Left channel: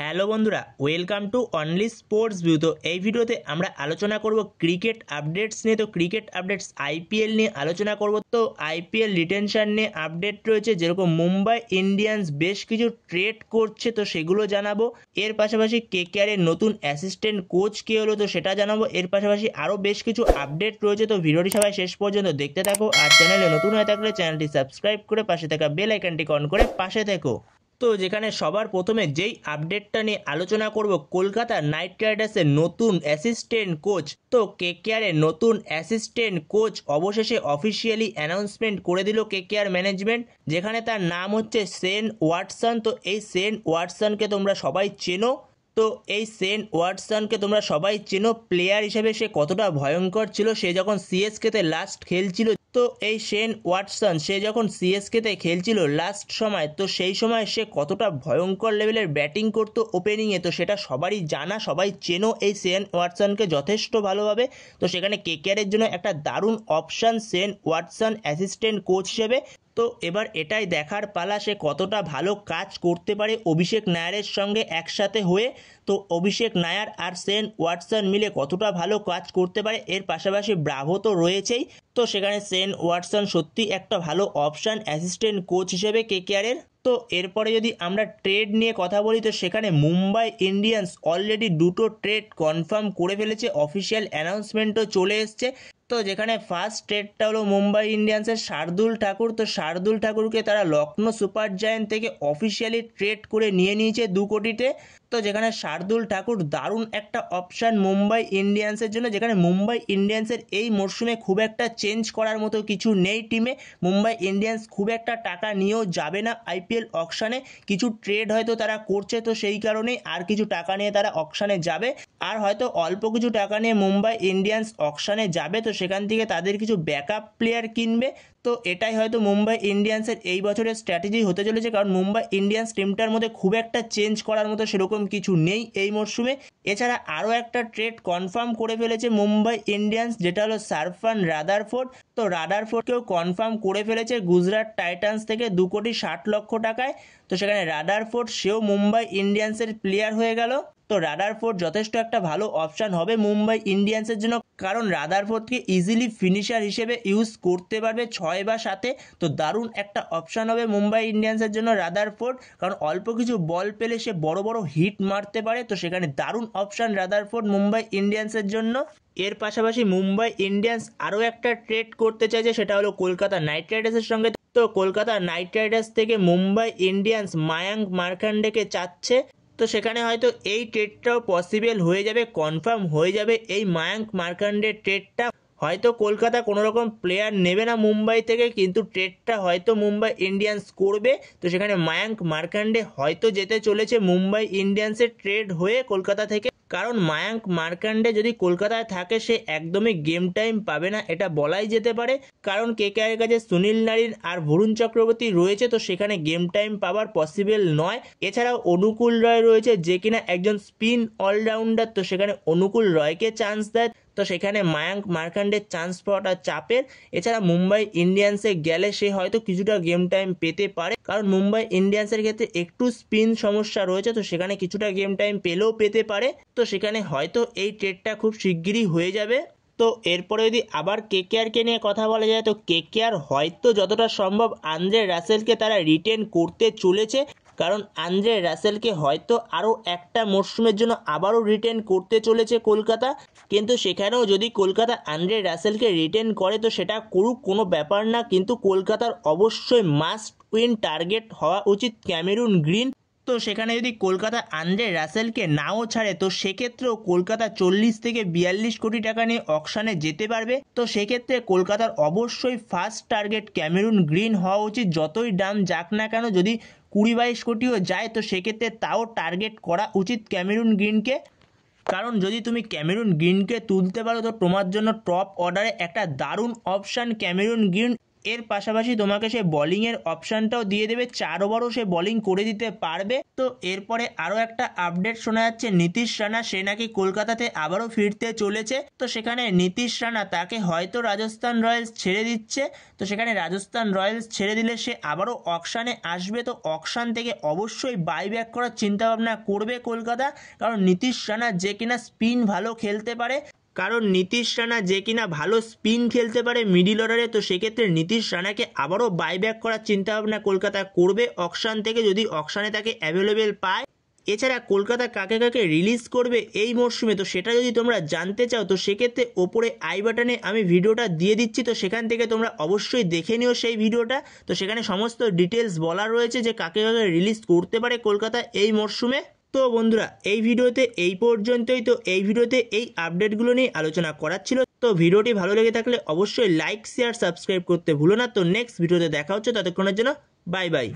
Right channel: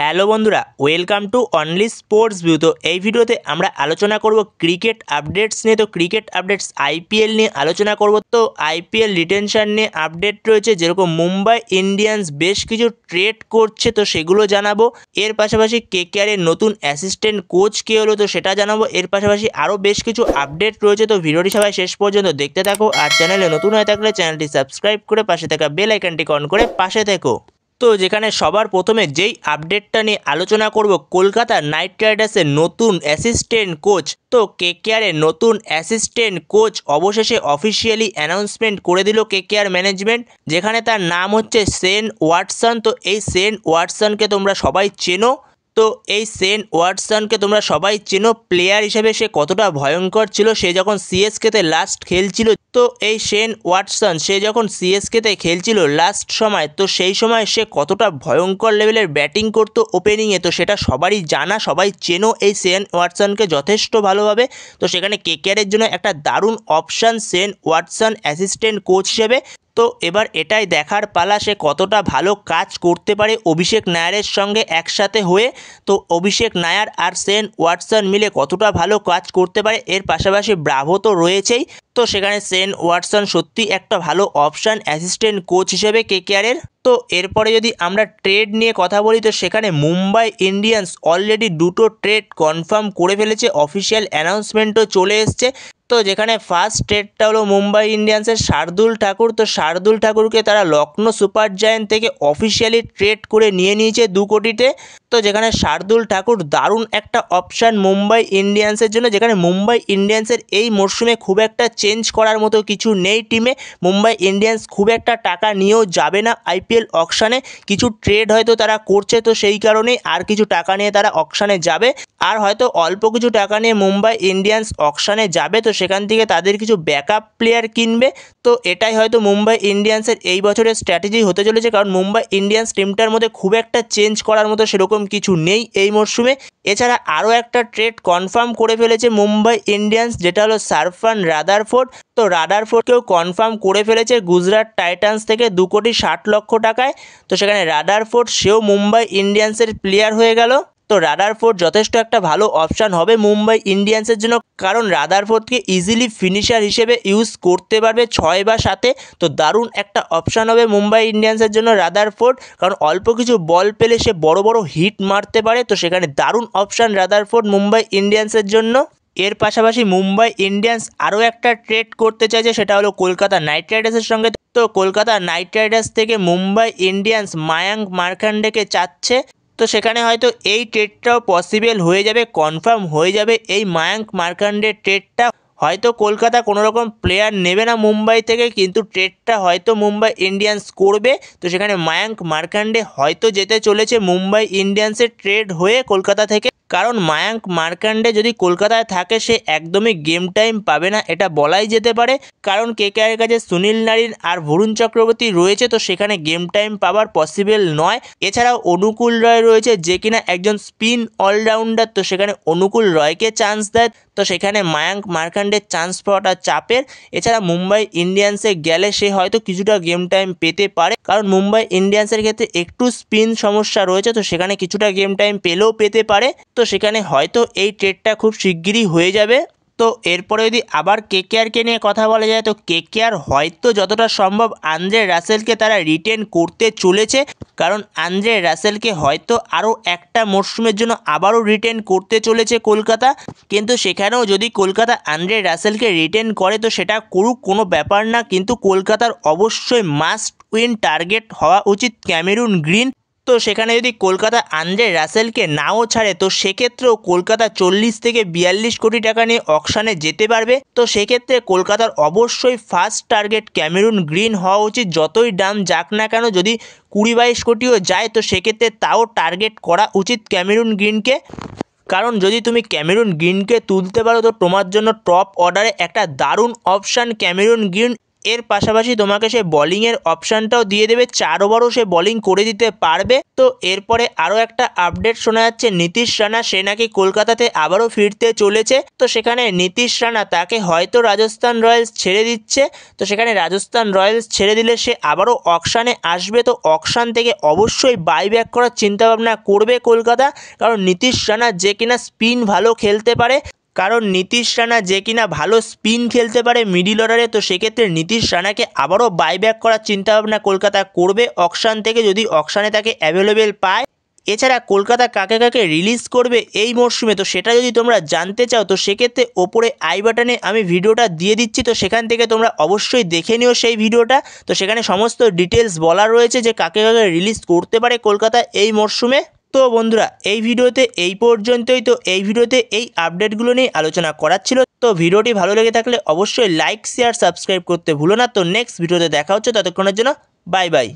Hello বন্ধুরা, welcome to only sports view. তো এই ভিডিওতে আমরা আলোচনা করব ক্রিকেট আপডেটস নিয়ে। তো ক্রিকেট আপডেটস আইপিএল নিয়ে আলোচনা করব। তো আইপিএল রিটেনশন নিয়ে আপডেট রয়েছে, যেরকম মুম্বাই ইন্ডিয়ান্স বেশ কিছু ট্রেড করছে, তো সেগুলো জানাবো। এর পাশাপাশি কেকেআর এর নতুন অ্যাসিস্ট্যান্ট কোচ কে হলো, তো সেটা জানাবো। এর পাশাপাশি আরও বেশ কিছু আপডেট রয়েছে, তো ভিডিওটি সবাই শেষ পর্যন্ত দেখতে থাকো। আর চ্যানেলে নতুন হয়ে থাকলে চ্যানেলটি সাবস্ক্রাইব করে পাশে থাকা বেল আইকনটি অন করে পাশে থেকো। তো যেখানে সবার প্রথমে যেই আপডেটটা নিয়ে আলোচনা করব, কলকাতা নাইট রাইডার্সের নতুন অ্যাসিস্ট্যান্ট কোচ। তো কেকেআরের নতুন অ্যাসিস্ট্যান্ট কোচ অবশেষে অফিসিয়ালি অ্যানাউন্সমেন্ট করে দিল কেকেআর ম্যানেজমেন্ট, যেখানে তার নাম হচ্ছে শেন ওয়াটসন। তো এই শেন ওয়াটসনকে তোমরা সবাই চেনো। তো এই শেন ওয়াটসনকে তোমরা সবাই চেনো প্লেয়ার হিসেবে সে কতটা ভয়ঙ্কর ছিল সে যখন সিএসকেতে লাস্ট খেলছিল। তো এই শেন ওয়াটসন সে যখন সিএসকেতে খেলছিল লাস্ট সময়, তো সেই সময় সে কতটা ভয়ঙ্কর লেভেলের ব্যাটিং করতো ওপেনিংয়ে, তো সেটা সবারই জানা, সবাই চেনো এই শেন ওয়াটসনকে যথেষ্ট ভালোভাবে। তো সেখানে কেকেআরের জন্য একটা দারুণ option Shane Watson assistant coach হিসেবে। তো এবার এটাই দেখার পালা সে কতটা ভালো কাজ করতে পারে অভিষেক নায়ারের সঙ্গে একসাথে হয়ে। তো অভিষেক নায়ার আর শেন ওয়াটসন মিলে কতটা ভালো কাজ করতে পারে। এর পাশাপাশি ব্রাভো তো রয়েছেই, তো সেখানে শেন ওয়াটসন সত্যি একটা ভালো অপশান অ্যাসিস্ট্যান্ট কোচ হিসেবে কেকেআরের। তো এরপরে যদি আমরা ট্রেড নিয়ে কথা বলি, তো সেখানে মুম্বাই ইন্ডিয়ান্স অলরেডি দুটো ট্রেড কনফার্ম করে ফেলেছে, অফিসিয়াল অ্যানাউন্সমেন্টও চলে এসছে। তো যেখানে ফার্স্ট ট্রেডটা হলো মুম্বাই ইন্ডিয়ান্সের শার্দুল ঠাকুর। তো শার্দুল ঠাকুরকে তারা লখনৌ সুপার জায়ান্ট থেকে অফিসিয়ালি ট্রেড করে নিয়ে নিয়েছে 2 কোটিতে। তো যেখানে শার্দুল ঠাকুর দারুণ একটা অপশান মুম্বাই ইন্ডিয়ান্সের জন্য, যেখানে মুম্বাই ইন্ডিয়ান্সের এই মরশুমে খুব একটা চেঞ্জ করার মতো কিছু নেই টিমে। মুম্বাই ইন্ডিয়ান্স খুব একটা টাকা নিয়েও যাবে না আইপিএল অকশানে, কিছু ট্রেড হয়তো তারা করছে, তো সেই কারণেই আর কিছু টাকা নিয়ে তারা অকশানে যাবে। আর হয়তো অল্প কিছু টাকা নিয়ে মুম্বাই ইন্ডিয়ান্স অকশানে যাবে, তো সেখান থেকে তাদের কিছু ব্যাকআপ প্লেয়ার কিনবে। তো এটাই হয়তো মুম্বাই ইন্ডিয়ান্সের এই বছরের স্ট্র্যাটেজি হতে চলেছে, কারণ মুম্বাই ইন্ডিয়ান্স টিমটার মধ্যে খুব একটা চেঞ্জ করার মতো সেরকম কিছু নেই এই মরশুমে। এছাড়া আরও একটা ট্রেড কনফার্ম করে ফেলেছে মুম্বাই ইন্ডিয়ান্স, যেটা হলো সারফান রাদারফোর্ড। তো রাদারফোর্ডকেও কনফার্ম করে ফেলেছে গুজরাট টাইটান্স থেকে 2,60,00,000 টাকায়। তো সেখানে রাদারফোর্ড সেও মুম্বাই ইন্ডিয়ান্সের প্লেয়ার হয়ে গেল। তো রাদারফোর্ড যথেষ্ট একটা ভালো অপশান হবে মুম্বাই ইন্ডিয়ান্সের জন্য, কারণ রাদারফোর্ডকে ইজিলি ফিনিশার হিসেবে ইউজ করতে পারবে 6 বা 7-এ। তো দারুণ একটা অপশান হবে মুম্বাই ইন্ডিয়ান্সের জন্য রাদারফোর্ড, কারণ অল্প কিছু বল পেলে সে বড় বড় হিট মারতে পারে। তো সেখানে দারুণ অপশান রাদারফোর্ড মুম্বাই ইন্ডিয়ান্সের জন্য। এর পাশাপাশি মুম্বাই ইন্ডিয়ান্স আরও একটা ট্রেড করতে চাইছে, সেটা হলো কলকাতা নাইট রাইডার্সের সঙ্গে। তো কলকাতা নাইট রাইডার্স থেকে মুম্বাই ইন্ডিয়ান্স মায়াঙ্ক মার্কান্ডেকে চাচ্ছে। তো সেখানে হয়তো এই ট্রেডটাও পসিবল হয়ে যাবে, কনফার্ম হয়ে যাবে এই মায়াঙ্ক মার্কান্ডের ট্রেডটা। হয়তো কলকাতা কোনো রকম প্লেয়ার নেবে না মুম্বাই থেকে, কিন্তু ট্রেডটা হয়তো মুম্বাই ইন্ডিয়ান্স করবে। তো সেখানে মায়াঙ্ক মার্কান্ডে হয়তো যেতে চলেছে মুম্বাই ইন্ডিয়ান্সের ট্রেড হয়ে কলকাতা থেকে, কারণ মায়াঙ্ক মার্কান্ডে যদি কলকাতায় থাকে সে একদমই গেম টাইম পাবে না, এটা বলাই যেতে পারে। কারণ কেকেআরের কাছে সুনীল নারিন আর বরুণ চক্রবর্তী রয়েছে, তো সেখানে গেম টাইম পাওয়ার পসিবল নয়। এছাড়াও অনুকূল রয় রয়েছে, যে কিনা একজন স্পিন অলরাউন্ডার। তো সেখানে অনুকূল রয়কে চান্স দেয়, তো সেখানে মায়াঙ্ক মার্কান্ডের চান্স পাওয়াটা চাপের। এছাড়া মুম্বাই ইন্ডিয়ান্সে গেলে সে হয়তো কিছুটা গেম টাইম পেতে পারে, কারণ মুম্বাই ইন্ডিয়ান্সের ক্ষেত্রে একটু স্পিন সমস্যা রয়েছে, তো সেখানে কিছুটা গেম টাইম পেলেও পেতে পারে। তো সেখানে হয়তো এই ট্রেডটা খুব শিগগিরই হয়ে যাবে। তো এরপরে যদি আবার কেকেআরকে নিয়ে কথা বলা যায়, তো কেকেআর হয়তো যতটা সম্ভব আন্দ্রে রাসেলকে তারা রিটেন করতে চলেছে, কারণ আন্দ্রে রাসেলকে হয়তো আরও একটা মরশুমের জন্য আবারও রিটেন করতে চলেছে কলকাতা। কিন্তু সেখানেও যদি কলকাতা আন্দ্রে রাসেলকে রিটেন করে, তো সেটা করুক, কোনো ব্যাপার না, কিন্তু কলকাতার অবশ্যই মাস্ট উইন টার্গেট হওয়া উচিত ক্যামেরুন গ্রিন। তো সেখানে যদি কলকাতা আন্দ্রে রাসেলকে নাও ছাড়ে, তো সেক্ষেত্রেও কলকাতা 40 থেকে 42 কোটি টাকা নিয়ে অকশানে যেতে পারবে। তো সেক্ষেত্রে কলকাতার অবশ্যই ফার্স্ট টার্গেট ক্যামেরুন গ্রিন হওয়া উচিত, যতই দাম যাক না কেন। যদি 20-22 কোটিও যায়, তো সেক্ষেত্রে তাও টার্গেট করা উচিত ক্যামেরুন গ্রিনকে, কারণ যদি তুমি ক্যামেরুন গ্রিনকে তুলতে পারো, তো তোমার জন্য টপ অর্ডারে একটা দারুণ অপশান ক্যামেরুন গ্রিন। এর পাশাপাশি তোমাকে সে বলিংয়ের অপশানটাও দিয়ে দেবে, 4 ওভারও সে বলিং করে দিতে পারবে। তো এরপরে আরও একটা আপডেট শোনা যাচ্ছে নীতিশ রানা সে নাকি কলকাতাতে আবারও ফিরতে চলেছে। তো সেখানে নীতিশ রানা তাকে হয়তো রাজস্থান রয়্যালস ছেড়ে দিচ্ছে। তো সেখানে রাজস্থান রয়্যালস ছেড়ে দিলে সে আবারও অকশানে আসবে। তো অকশান থেকে অবশ্যই বাইব্যাক করার চিন্তাভাবনা করবে কলকাতা, কারণ নীতিশ রানা যে কিনা স্পিন ভালো খেলতে পারে, মিডিল অর্ডারে। তো সেক্ষেত্রে নীতিশ রানাকে আবারও বাইব্যাক করার চিন্তাভাবনা কলকাতা করবে অকশান থেকে, যদি অকশানে তাকে অ্যাভেলেবেল পায়। এছাড়া কলকাতা কাকে কাকে রিলিজ করবে এই মরশুমে, তো সেটা যদি তোমরা জানতে চাও তো সেক্ষেত্রে ওপরে আই বাটনে আমি ভিডিওটা দিয়ে দিচ্ছি। তো সেখান থেকে তোমরা অবশ্যই দেখে নিও সেই ভিডিওটা। তো সেখানে সমস্ত ডিটেলস বলা রয়েছে যে কাকে কাকে রিলিজ করতে পারে কলকাতা এই মরশুমে। তো বন্ধুরা এই ভিডিওতে এই পর্যন্তই। তো এই ভিডিওতে এই আপডেটগুলো নিয়ে আলোচনা করার ছিল। তো ভিডিওটি ভালো লেগে থাকলে অবশ্যই লাইক শেয়ার সাবস্ক্রাইব করতে ভুলো না। তো নেক্সট ভিডিওতে দেখা হচ্ছে, ততক্ষণের জন্য বাই বাই।